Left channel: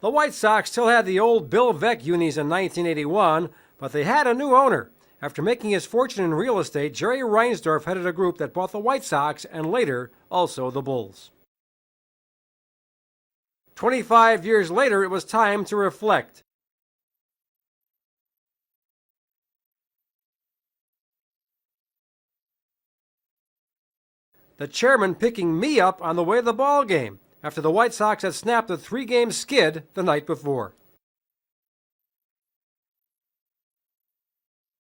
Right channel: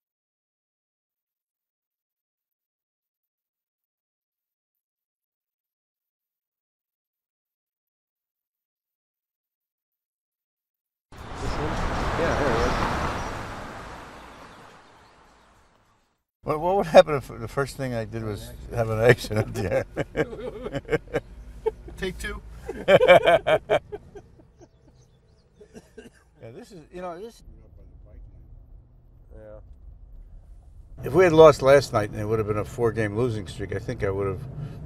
The White Sox still had the old Bill Veeck unis in 1981, but they had a new owner. After making his fortune in real estate, Jerry Reinsdorf headed a group that bought the White Sox and later also the Bulls. Yeah, here it is. 25 years later, it was time to reflect. What would happen if the first thing I did was have an accident? Yeah. Take two. The chairman picking me up on the way to the ball game after the White Sox had snapped a 3-game skid the night before. If we had lost last night and it would have been a 4-game losing streak, I think I would have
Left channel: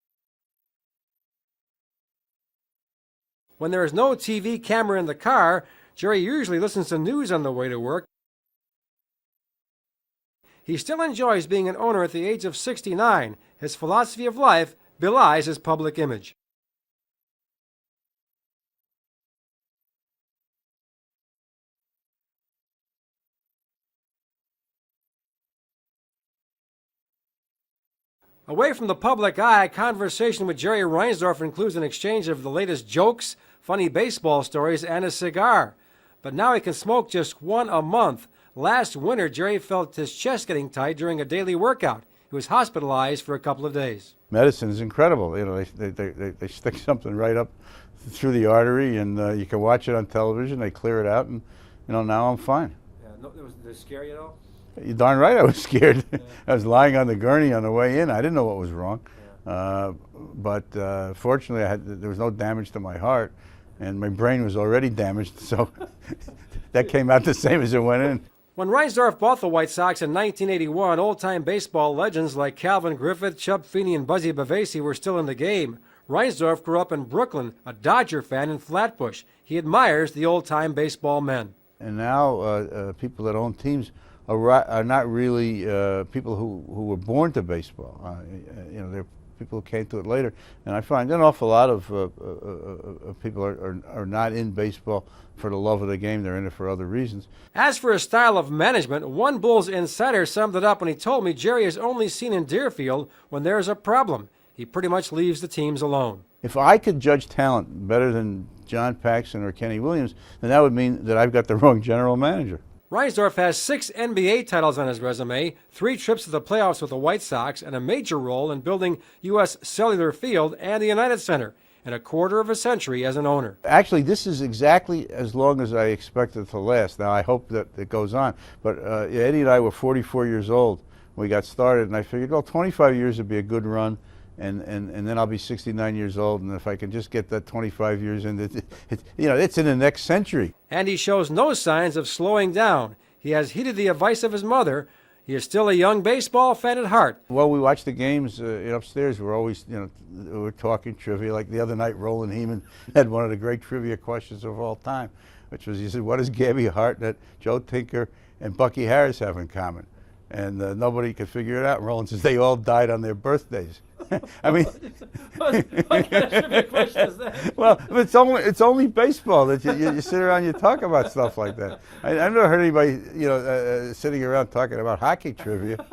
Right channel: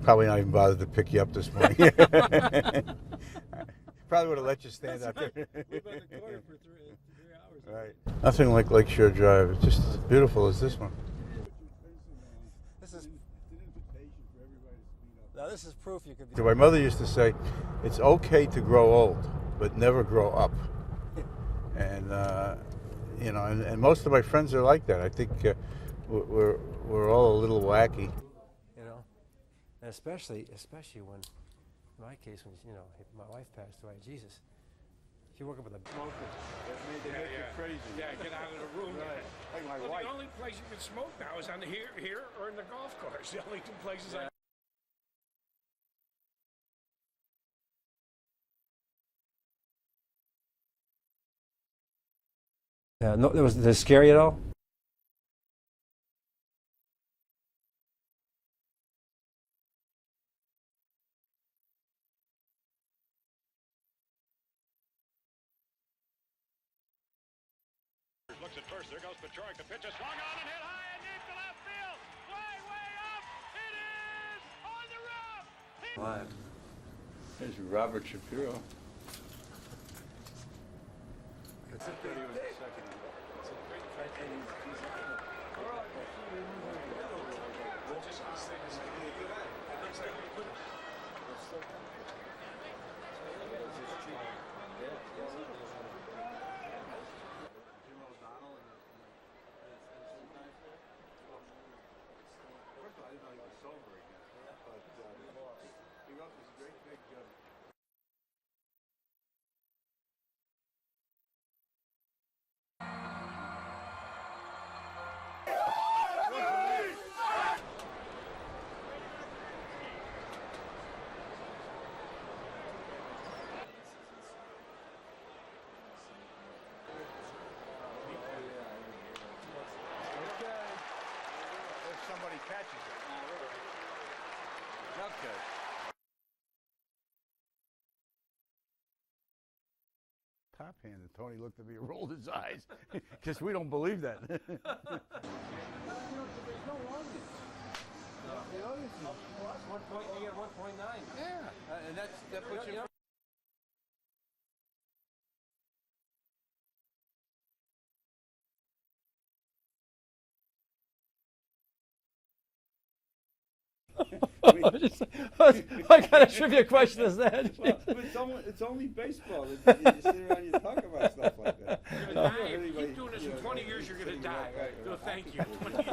probably not even bothered to pick you up this morning. When there is no TV camera in the car, Jerry usually listens to news on the way to work. Nothing like Lakeshore Drive. It's just as beautiful as this He one. still enjoys being an owner at the age of 69. His philosophy of life belies his public image. My mother used to say, it's okay to grow old, but never grow up. And, you know, and most of my friends are like that. I think we're all a little wacky. Away from the public eye, conversation with Jerry Reinsdorf includes an exchange of the latest jokes, funny baseball stories, and a cigar. But now he can smoke just one a month. Last winter, Jerry felt his chest getting tight during a daily workout. He was hospitalized for a couple of days. Medicine is incredible. You know, they stick something right up through the artery, and you can watch it on television. They clear it out, and you know, now I'm fine. Yeah, no, was it scary at all? You're darn right I was scared. I was lying on the gurney on the way in. I didn't know what was wrong. But fortunately, there was no damage to my heart, and my brain was already damaged, so that came out the same as it went in. When Reinsdorf bought the White Sox in 1981, old-time baseball legends like Calvin Griffith, Chub Feeney, and Buzzy Bavasi were still in the game. Reinsdorf grew up in Brooklyn, a Dodger fan in Flatbush. He admires the old-time baseball men. And now people that own teams are not really people who were born to baseball. You know, they're people who came to it later. And I find an awful lot of people are not in baseball for the love of the game. They're in it for other reasons. As for his style of management, one Bulls insider summed it up when he told me Jerry is only seen in Deerfield when there is a problem. He pretty much leaves the teams alone. If I could judge talent better than John Paxson or Kenny Williams, then that would mean that I've got the wrong general manager. Reinsdorf has 6 NBA titles on his resume, 3 trips to the playoffs with the White Sox, and a major role in building U.S. Cellular Field and the United Center, and a quarter of a century as an owner. Actually, this is exactly as long as I expected it to last. Now, I hope that it goes on. But Eddie and I were 44 years old when we got started, and I figured, well, 25 years would be a good run, and then I'll be 69 years old, and if I can just get that 25 years in, you know, it's in the next century. And he shows no signs of slowing down. He has heeded the advice of his mother. He is still a young baseball fan at heart. Well, we watch the games upstairs. We're always, you know, we're talking trivia. Like the other night, Roland Heeman had one of the great trivia questions of all time, which was, he said, what does Gabby Hartnett, Joe Tinker, and Bucky Harris have in common? And nobody could figure it out. And Roland says they all died on their birthdays. I mean, what kind of trivia question is that? well, it's only baseball that you sit around and you talk about stuff like that. I've never heard anybody, you know, sitting around talking about hockey trivia.